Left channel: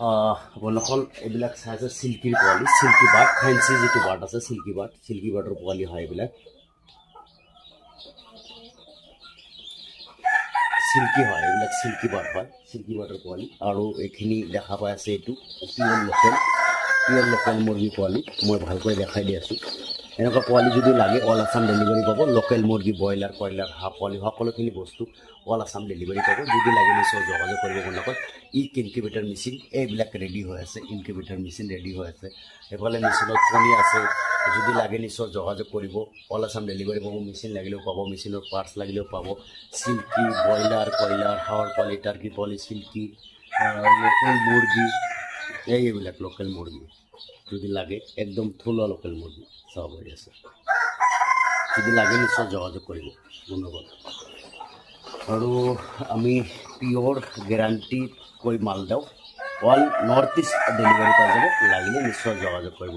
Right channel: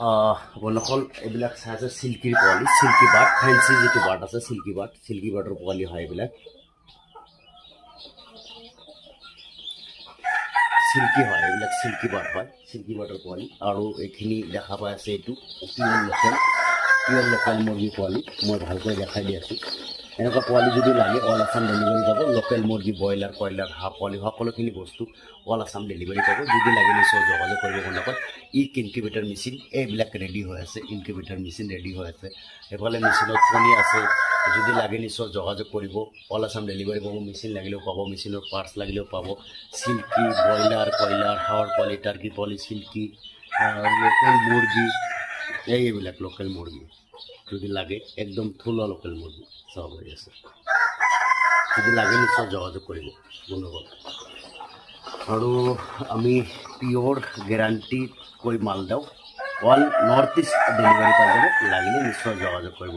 বন্ধুসকল এইবিলাক চাই আছে চিল্কিৰ পোৱালি, চিল্কি বাৰ্ড, ফেঞ্চি যিটো বাৰ্ড আছে চিল্কি বাৰ্ডৰ পোৱালি হয় এইবিলাক। চিল্কি হয়, এইবিলাক চিল্কি বাৰ্ড হয়, চিল্কি বাৰ্ডৰ পোৱালি। আৰু এইখিনি দেখা পাই আছে এইটো পিয়ৰ লোকেল মুৰ্গী পোৱালি। মই ভালকৈ দেখাই দি আছোঁ। এনেকুৱা পোৱালি যদি লাগে অল আছাম ডেলিভাৰী পাব। লোকেল মুৰ্গী, ব্ৰইলাৰ, কয়লাৰ, হাঁহ পোৱালি সকলোখিনি বস্তু অল আছাম ডেলিভাৰী পাব। যদি লাগে নিশ্চয় যোগাযোগ কৰিব বন্ধুসকল। ইনকিউবেটৰ মেচিন এইবিলাক ৰেডি হৈ আছে, ইনকিউবেটৰ মেচিন ৰেডি হৈ আছে। এইফালে মেচিনত কণী আছে, যদি লাগে নিশ্চয় যোগাযোগ কৰিব। অল আছাম ডেলিভাৰী পাব। মেচিন লাগিলেও পাব, মেচিনৰ পাৰ্টছ লাগিলেও পাব। চিল্কি, ব্ৰইলাৰ, কয়লাৰ, হাঁহৰ পোৱালি, টাৰ্কি পোৱালি, চিল্কি, লোকেল মুৰ্গী, এইবিলাক লোকেল মুৰ্গী যদি লাগে একদম থলুৱা লোকেল মুৰ্গী চাব পাৰি আছে। যদি লাগে নিশ্চয় যোগাযোগ কৰিব বন্ধুসকল। আৰু আমি পিয়ৰ গেৰাণ্টি কৈ মাল দিওঁ। অল নৰ্থ ইষ্ট ডেলিভাৰী পাই যাব, লাগিলে নিশ্চয় যোগাযোগ কৰিব।